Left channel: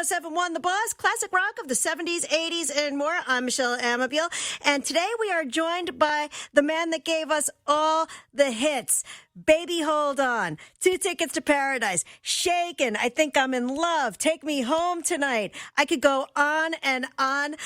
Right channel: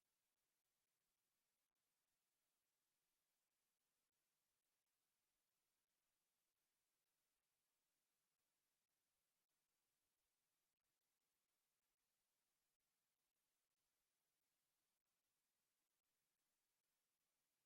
107.1 The Boss, classic rock of the 70s, 80s, and more. I'm Michele Amabile, and today we are joined by the man that gave us all the hits. Baby Hold On, 2 Tickets to Paradise, Shakin', I Think I'm in Love, Take Me Home Tonight. I could go on. And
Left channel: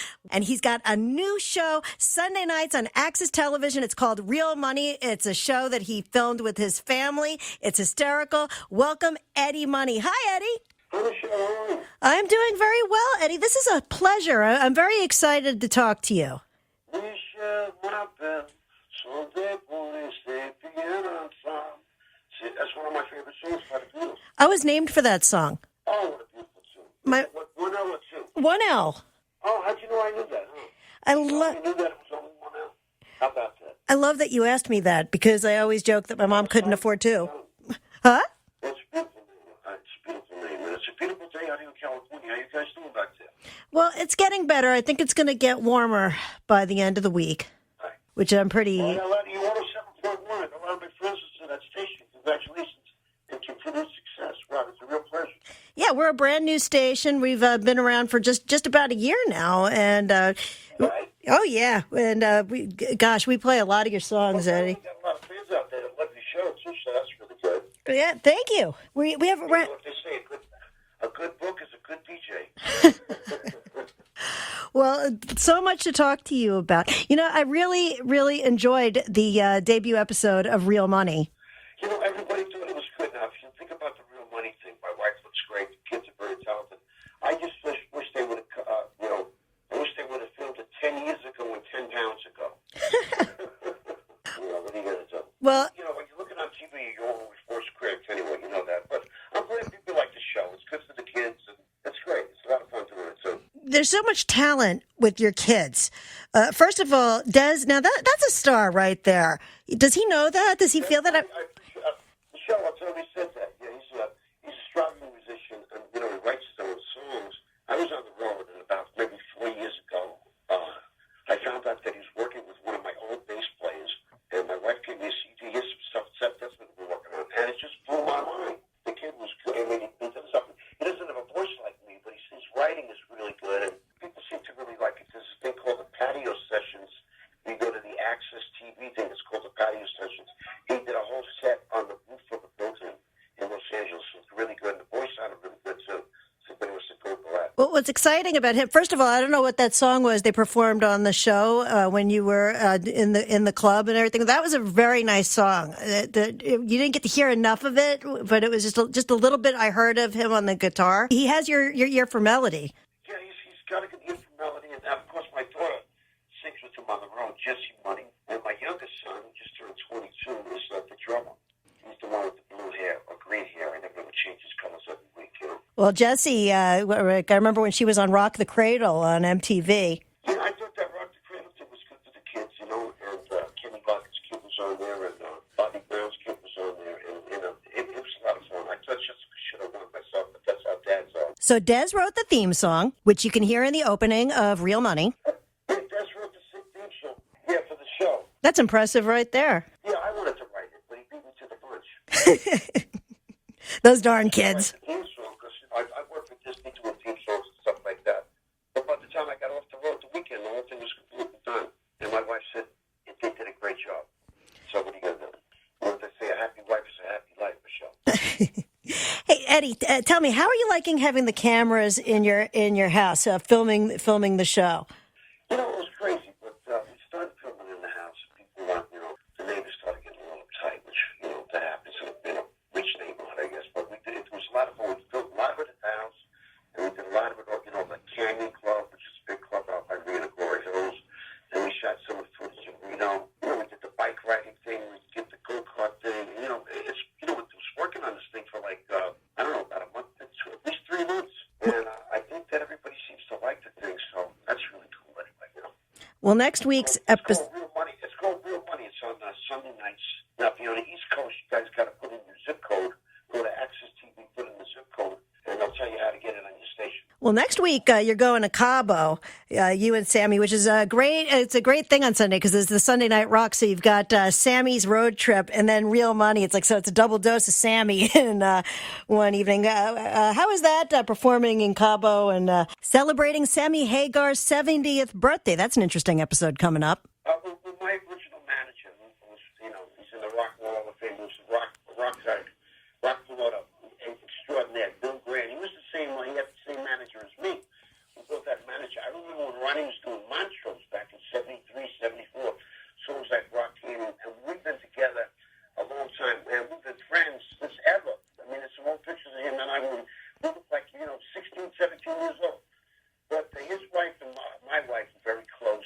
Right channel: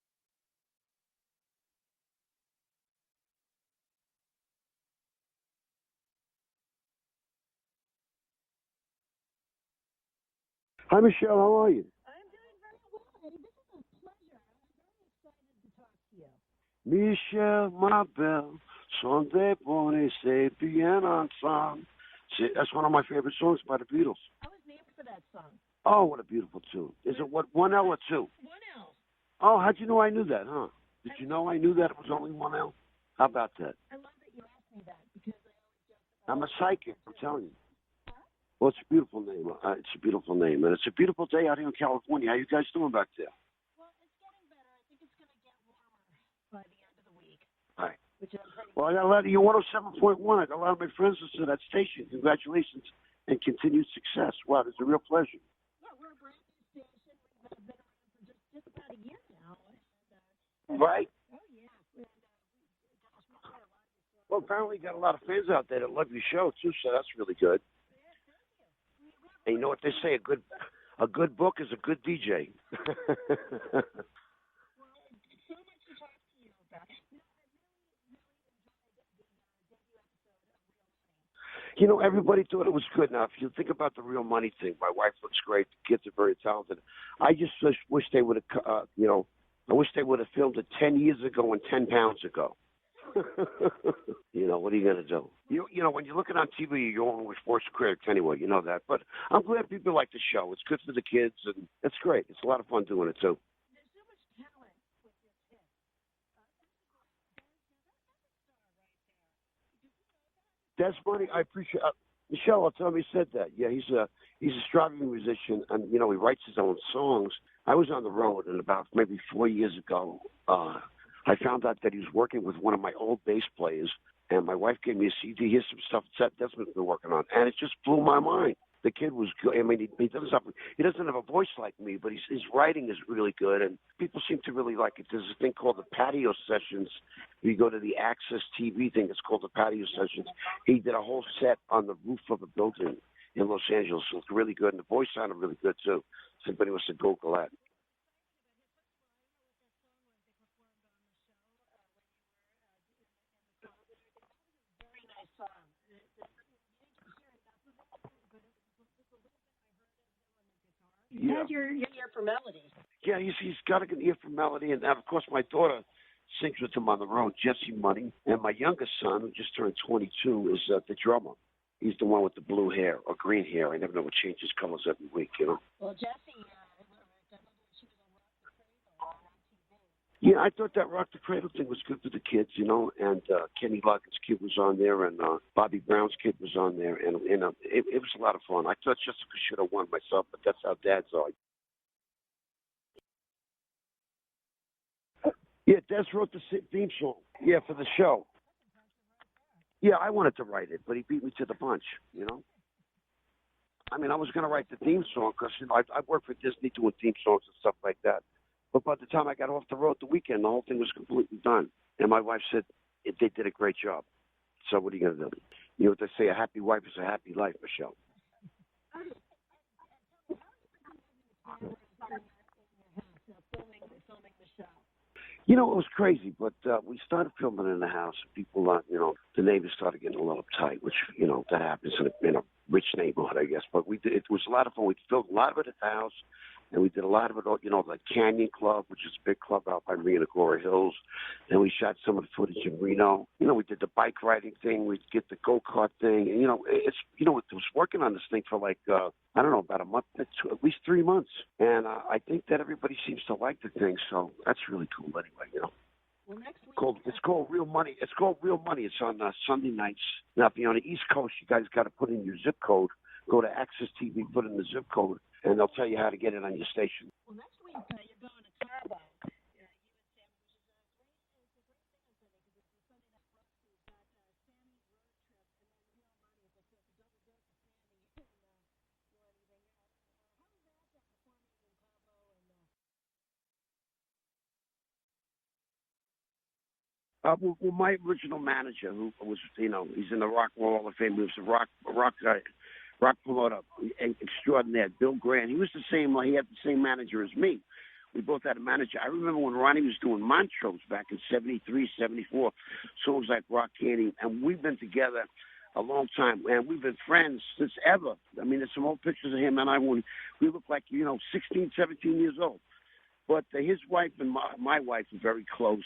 he's got a new show Sunday nights on Access Television. It's called Real Money. It's a show that he filmed with his family. It's hysterical. Welcome, Eddie Money. Hi, Eddie. Hi, Michelle. How are you? I'm doing very well, Eddie. This is a pleasure. I'm very excited to talk to you. Michele Amabile, Sunday morning, say piano song. See, that's one of my favorite songs by the Beatles. I was named for that song. Oh, what a beautiful tune. What, 1 L or 2? 1 L. Oh, how'd you know I knew that, huh? I knew that it was only 1 L? How about that? I love that you asked me that because I always joke that my mom couldn't afford 2. Huh? Well, it's a beautiful name. It's a beautiful name. And it's a beautiful day out here in California. How you guys doing back there? Well, it's getting better. I think it's going to get warmer by the end of the week. Hi. Which I'm pretty... Well, you're 107.1. I got a lot of my friends listen to that station. Congratulations and continued success. Wow, it's a real pleasure. Yeah, we're a brand new station. We've been around for just about a year now. And right? Oh, yeah. And, we play a lot of your songs, Eddie. We got a lot of fans out there that love your show, too, so that's really good. Yeah, thank you. We have... You know what they say, a good book is a good DJ. Well, so much to talk to you about. You know, I really, really enjoyed the debut episode of Real Money. You know, everybody thought it was good. Now, if you think about the Real Money thing, my wife looks great. The kids are very talented. I just wish they would have, I wish they would have filmed it 10 years ago and 10 pounds ago. You know, what are you going to do? Well, you know, when you're looking on TV, you're always worst critics anyway. You know that. But I'm glad people like the show. It's good for the kids, and it's great. It's a lot of fun doing it, too. There's so much talent with your kids. First of all, Des, now that's a star right there. Does he know that? Does he feel that? I appreciate Michelle, I'll tell him he said that. Yeah, he's a struggling musician, and, you know, he writes his own songs. I was on the road, and about maybe 4 years ago, I found out that he was working with one of my old bass players, and my wife gave me a CD. Here's some stuff Seth Desmond's been working on, and it just blew my mind. The kid was good. I mean, he doesn't have a voice like me, but his writing is really good, and people seem to really like it. There's a thing called the Patio Sessions. You go to the Access TV thing. It's called the Patio Sessions. He did a whole set on the roof of a building in Los Angeles. So it's really good, and the voice sounded really good, too. Somebody was to Google that. Well, what's exciting about him? First of all, I don't know what that song was they performed on the show when you were in the club and everything. That was a very nice song. You didn't get to hear enough of it, but it was just a little bit I heard of him on the guitar. He has your ear for melody. Yeah, he's got an ear for melody, and of course my daughter sings with him on the road, Jesse Money, and my youngest son, who just turned 22, is the drummer. He's the one with the blue hair or green hair. I never know what changes colors every week, you know. Well, Jessie, I remember when she was on Rock the Cradle on MTV. Yeah, I thought that Rock the Cradle thing was good for the kids, you know, and Kenny Lockett's kid was on there, and Bobby Brown's kid was on there, and it was a lot of fun. I thought Jessica should have won myself, but that's how dads are. So Des wrote the theme song, which you can hear in the opening of Real Money. Yeah, Des wrote the theme song. Yeah, for the show. That's impressive right there. Yeah, I wanted to write it, but he beat me to the punch. Those darn kids. I write the theme song because, you know, I worked for Disney doing theme songs and stuff like that. But by the time I got off the road the weekend, the whole thing was completely done. And my wife said, they did a great job. So what are you going to do? You know what they say, a happy wife is a happy life, Michelle. Hey, Eddie, tell me, how are you liking having the cameras in your house, filming the show? You know, it was crazy, but we started filming in the house. People, you know, the neighbors started getting a little uptight, which, you know, that happens in a rich neighborhood, I guess. But it was a lot of fun. We filmed a lot of it at the house, and we did a lot of it, you know, the Canyon Club, which is a big club out by Marina Glory Hills. Then we shot some of the footage in Reno. You know, we did the bike riding thing. We did the go-kart thing. And, you know, it was working on this thing for like, I don't know, about a month, at least 3 months. And I think that everybody seems to like the thing, so that's really cool anyway, you know. Well, next week's episode... It's called Real Money. It's called Real Money. It's on Sunday nights. Now, if you're on the East Coast, you guys got to put in your zip code. Go to Access TV, put in the zip code, and they'll tell you how to get it on your station. Well, next week you're going to Cabo, you and Sammy, which is a great. It's a great thing on Sunday because it's the Sunday Night Rock. So you've got Sammy's road trip and then Real Money. It's a double dose of Sammy in one evening. How is that performing in Cabo and celebrating Sammy Hagar's 70th birthday? That's an interesting episode coming up. Well, my original manager, who was, he's in the Rock and Roll Hall of Fame. He was a rock promoter extraordinaire, Bill Grant. He was the same. He had the same manager as me. We both had a manager. I remember when Ronnie was doing Montrose back in 73, 74, songs like Rock Candy, and we've been together a long time, and we've been friends since ever. I mean, there's some old pictures of him and I when we look like, 16, 17 years old. But his wife and my wife are very close.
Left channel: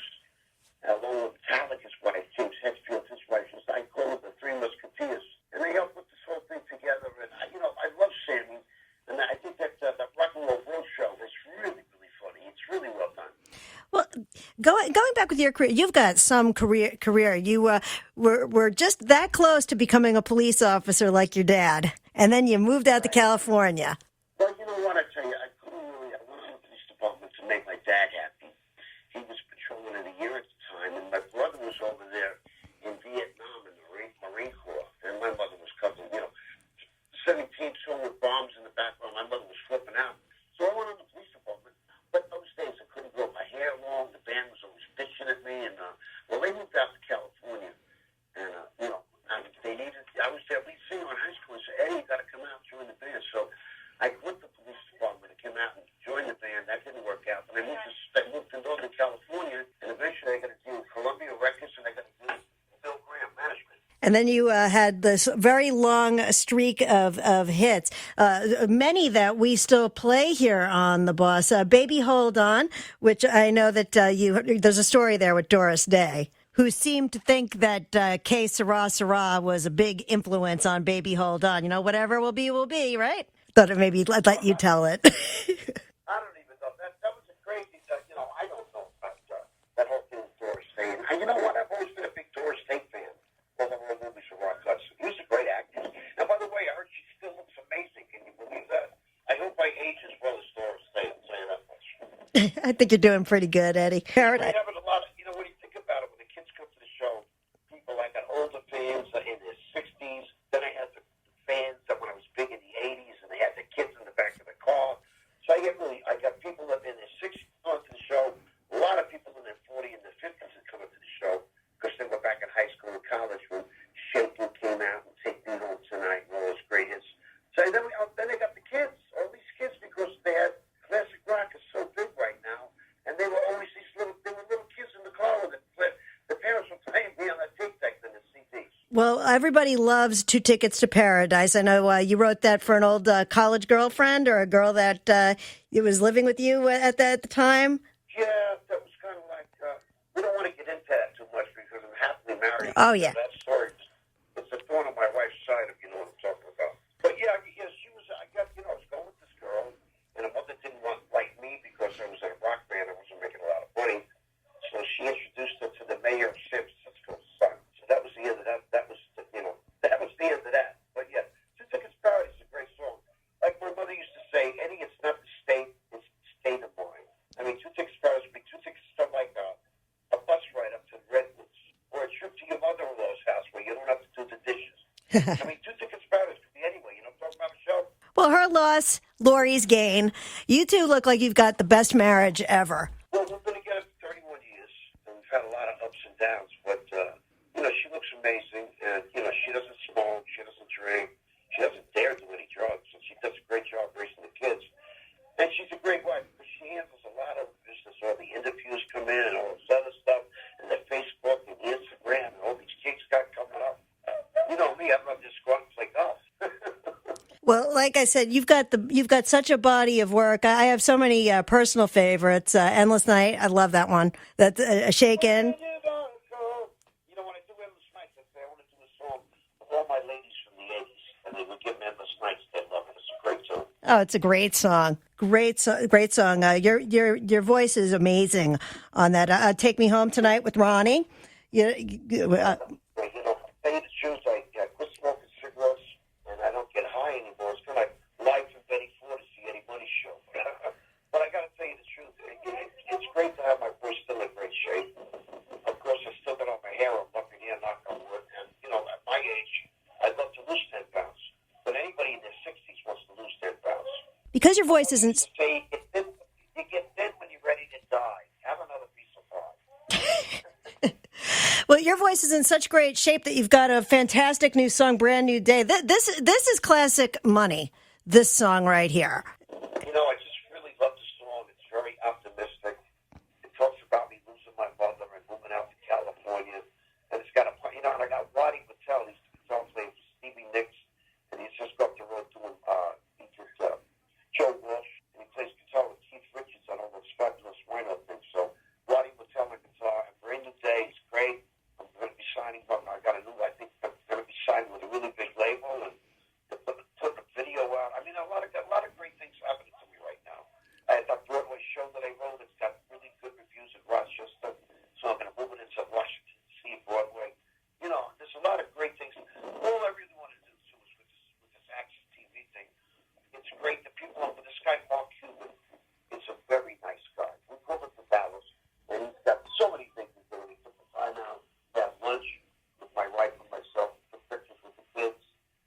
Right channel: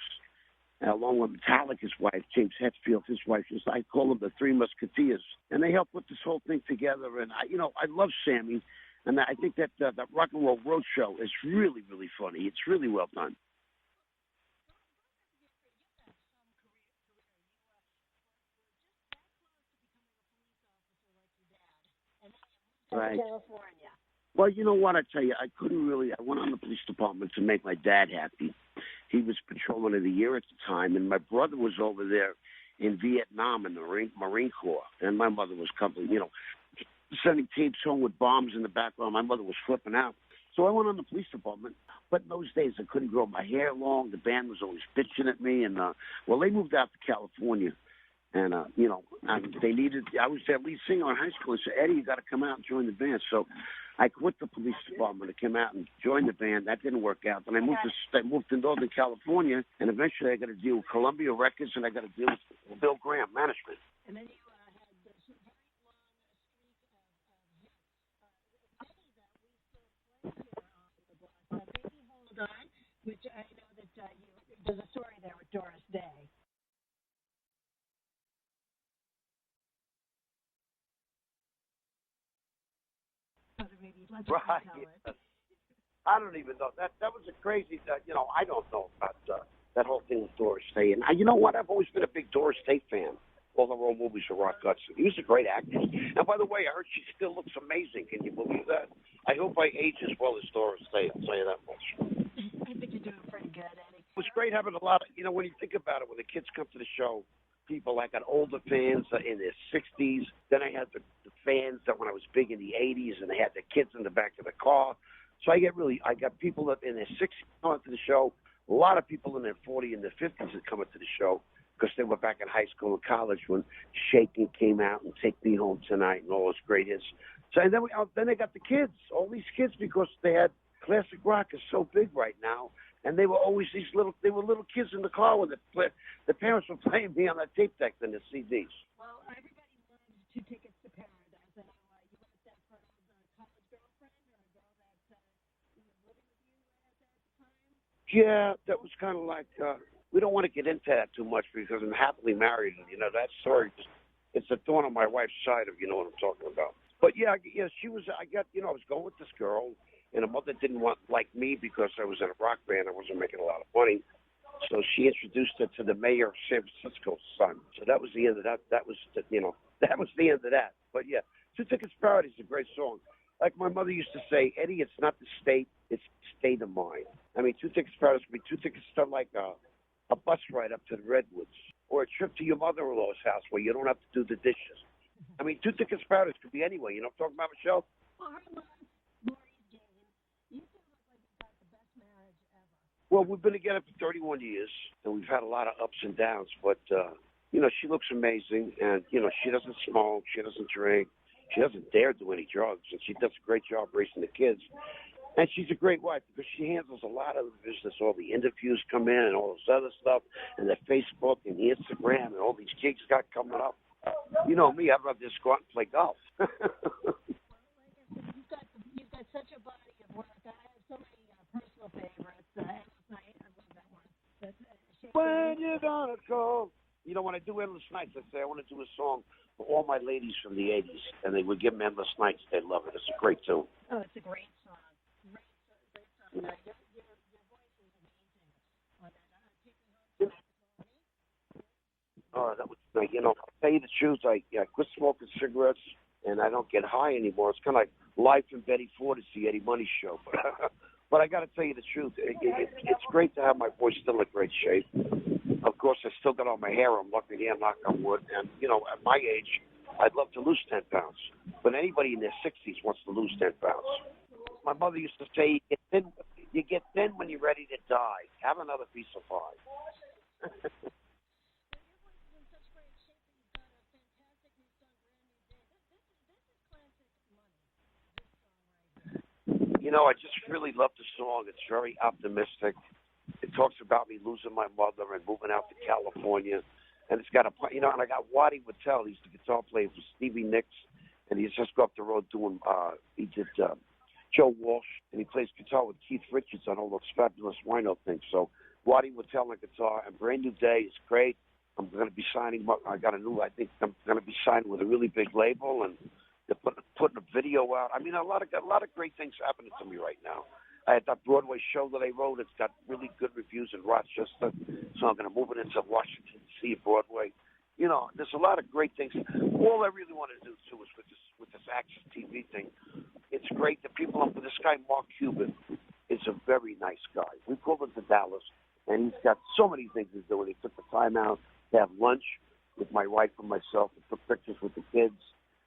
Along with Metallica's wife, James Hetfield, his wife, I call them the Three Musketeers, and they helped put this whole thing together. And I love Sammy, and I think that Rock and Roll Road Show is really, really funny. It's really well done. Well, going back with your career, you've got some career. You were just that close to becoming a police officer like your dad, and then you moved out to California. Well, you know what? I tell you, I went on the police department to make my dad happy. He was patrolman of the year at the time, and my brother was over there in Vietnam in the Marine Corps, and my mother was covering, sending teams home with bombs in the background. My mother was flipping out. So I went on the police department, but in those days I couldn't grow my hair long. The band was always bitching at me, and, they moved out to California, and, they needed, I was their lead singer in high school. They said, Eddie, you got to come out and join the band. So I quit the police department. I came out and joined the band. That didn't work out. But I moved to Northern California, and eventually I got a deal with Columbia Records, and I got a deal with Bill Graham Management. And then you had this very long streak of hits, many that we still play here on The Boss. Baby Hold On, which I know that there's a story there with Doris Day, who seemed to think that Que Sera Sera was a big influence on Baby Hold On. Whatever will be, right? Thought it maybe let you tell it. I don't even know. That was a crazy, I don't know about that whole thing with Doris Day. And you know what? I've always been a big Doris Day fan. All the old movies of Rock Hudson. He was a great actor. And by the way, I heard she still looks amazing. Can you believe that? I hope I age as well as Doris Day. I'll tell you that much. I think you're doing pretty good, Eddie. It's great having a lot of, when you think about it, when the kids come to the show, people, I got older fans in their 60s. Then I had the fans that when I was big in the 80s, and they had their kids in the back of the car. So I got people that in their 60s coming to the show, a lot of people in their 40s and their 50s that come into the show because they were back in high school and college when Shakin' came out and Take Me Home Tonight and all those great hits. So and then they got the kids, all these kids, because they had classic rock is so big right now. And they were always little kids in the car with it. The parents were playing me on that tape deck than the CDs. Well, everybody loves Two Tickets to Paradise. I know you wrote that for an old college girlfriend or a girl that was living with you at the time. Yeah, that was kind of like, we don't want to get into that too much because I'm happily married. Oh, yeah. That story, it's a thorn on my wife's side, if you know what I'm talking about. But yeah, she was, I was going with this girl, and her mother didn't like me because I was in a rock band. I wasn't making a lot of money. So she introduced her to the mayor of San Francisco's son. So that was the end of that. That was the end of that. But yeah, Two Tickets to Paradise is a great song. Like my mother used to say, Eddie, it's not the state, it's the state of mind. I mean, Two Tickets to Paradise would be 2 tickets to like a bus ride up to the Redwoods or a trip to your mother-in-law's house where you don't have to do the dishes. I mean, Two Tickets to Paradise could be anywhere. You know what I'm talking about, Michelle? Well, her loss, Lori's gain. You two look like you've got the best marriage ever. Well, we've been together for 31 years, and we've had a lot of ups and downs. But, she looks amazing, and, she doesn't smoke, she doesn't drink, she doesn't dare do any drugs, and she does a great job raising the kids. And she's a great wife because she handles a lot of the business. All the interviews come in and all this other stuff, and the Facebook and the Instagram and all these gigs got coming up. You know me, I'd rather just go out and play golf. Well, like I said, you've got such a body of work. I have so many personal favorites. Endless Night, I love that one. That's Shakin'. When you gonna go? When I do Endless Nights, I say I want to do a song for all my ladies from the 80s, and they would give them Endless Nights. They love it. It's a great tune. Oh, it's a great song. Great song. Your voice is amazing on that. Take Me Home Tonight with Ronnie. Tell you the truth, I quit smoking cigarettes, and I don't get high anymore. It's kind of like live from Betty Ford, the Eddie Money Show. But I got to tell you the truth. It's great to have my voice still in great shape. Of course, I still got all my hair. I'm lucky here, knock on wood. And, you know, at my age, I'd love to lose 10 pounds. But anybody in their 60s wants to lose 10 pounds. Because your My voice mother isn't... used to say, you get thin when you're ready to die. Have another piece of pie. Well, your voice is in such great shape that you've got a fantastic new song, Brand New Day. This is classic money, this song right here. You know, I just really love the song. It's very optimistic. It talks about me losing my mother and moving out to California. And it's got a, you know, and I got Waddy Wachtel. He's the guitar player for Stevie Nicks. And he's just up the road doing, he did Joe Walsh. And he plays guitar with Keith Richards on all those fabulous wino things. So Waddy Wachtel on guitar. And Brand New Day is great. I'm going to be signing, I think I'm going to be signing with a really big label. And they're putting a video out. I mean, a lot of great things happening to me right now. I had that Broadway show that I wrote. It's got really good reviews in Rochester, so I'm going to move it into Washington, D.C. Broadway. You know, there's a lot of great things. All I really want to do too is with this Access TV thing. It's great that people. This guy Mark Cuban is a very nice guy. We pulled him to Dallas, and he's got so many things he's doing. He took the time out to have lunch with my wife and myself, and took pictures with the kids.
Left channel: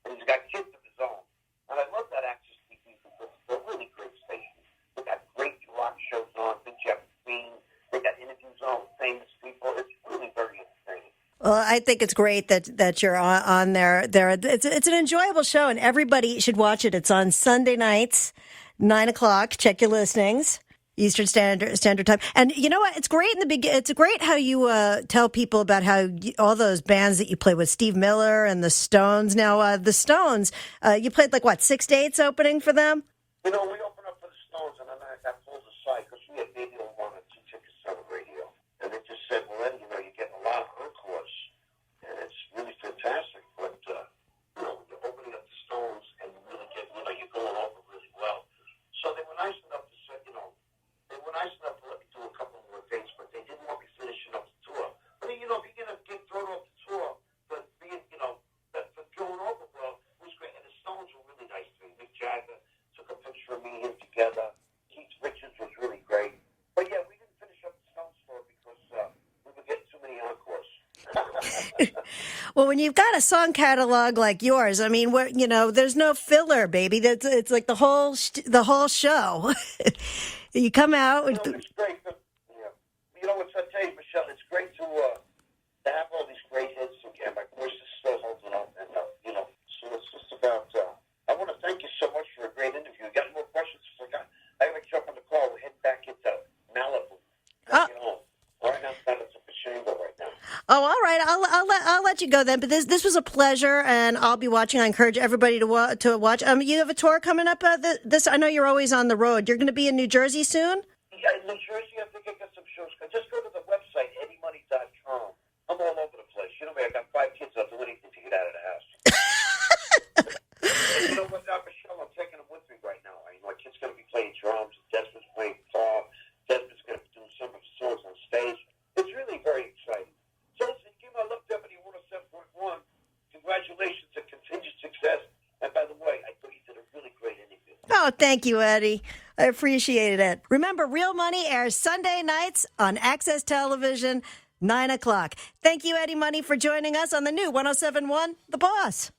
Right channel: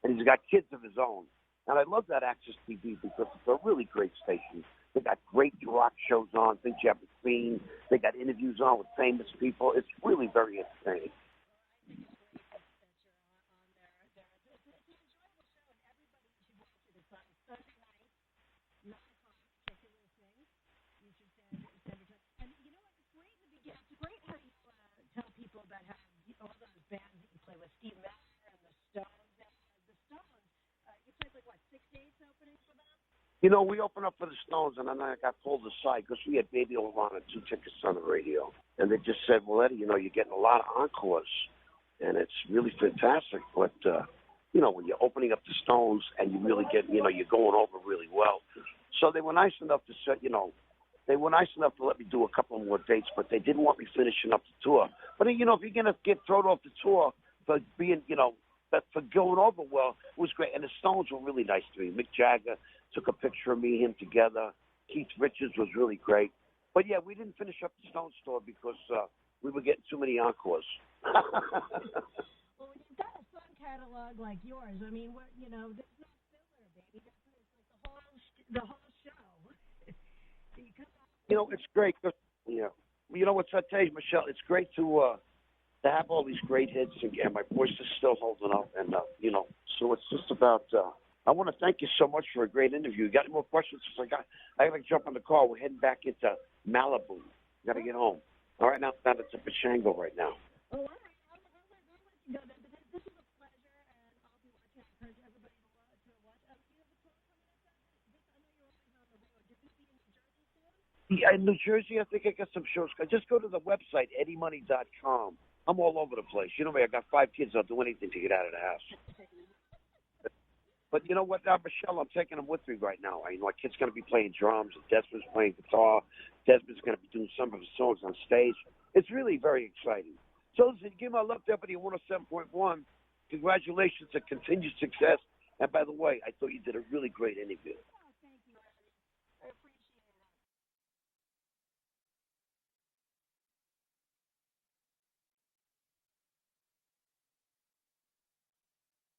And he's got kids of his own. And I love that Access TV because it's a really great station. They got great rock shows on, things you haven't seen. They got interviews on with famous people. It's really very entertaining. Well, I think it's great that you're on there. It's an enjoyable show, and everybody should watch it. It's on Sunday nights, 9 o'clock. Check your listings. Eastern Standard Time. And you know what? It's great in the beginning. It's great how you tell people about how all those bands that you play with, Steve Miller and the Stones. Now, the Stones, you played 6 dates opening for them? You know, we opened up for the Stones, and then I got pulled aside because we had Baby Over on 2 tickets on the radio. And they just said, well, Eddie, you know, you're getting a lot of encores, and it's really fantastic. But, you know, when you're opening up the Stones and you really get, you know, you're going over really well. So they were nice enough to say, you know, they were nice enough to let me do a couple more dates, but they didn't want me finishing up the tour. But, you know, if you're going to get thrown off the tour for being, you know, for going over well, it was great. And the Stones were really nice to me. Mick Jagger took a picture of me and him together. Keith Richards was really great. But, yeah, we didn't finish up the Stones tour because we were getting too many encores. Well, when you've got a song catalog like yours, I mean, you know, there's no filler, baby. It's like the whole show. You come out. You know, it's great. Yeah. You know what I tell you, Michelle? It's great to have all these great hits, and my voice is still holding up. And, you know, so it's just about, I want to thank you so much for a great interview. You got any more questions? I got to jump on the call. We're heading back into Malibu. Got to get home. All right, now it's a Pachango right now. Oh, all right. I'll let you go then. But this was a pleasure, and I'll be watching. I encourage everybody to watch. You have a tour coming up. I know you're always on the road. You're going to be in New Jersey soon. Yeah, in New Jersey, I think I got some shows. Just go to the website eddiemoney.com. I'm all over the place. You know me. I got 5 kids. I'll do anything to get out of the house. But you know what, now, Michelle, I'm taking them with me right now. My kid's going to be playing drums, and Desmond's playing guitar. Desmond's going to be doing some of his songs on stage. It's really very exciting. So listen, give my love, Deputy 107.1. Congratulations and continued success. And by the way, I thought you did a really great interview. Oh, thank you, Eddie. I appreciated it. Remember, Real Money airs Sunday nights on Access Television, 9 o'clock. Thank you, Eddie Money, for joining us on the new 107.1 The Boss.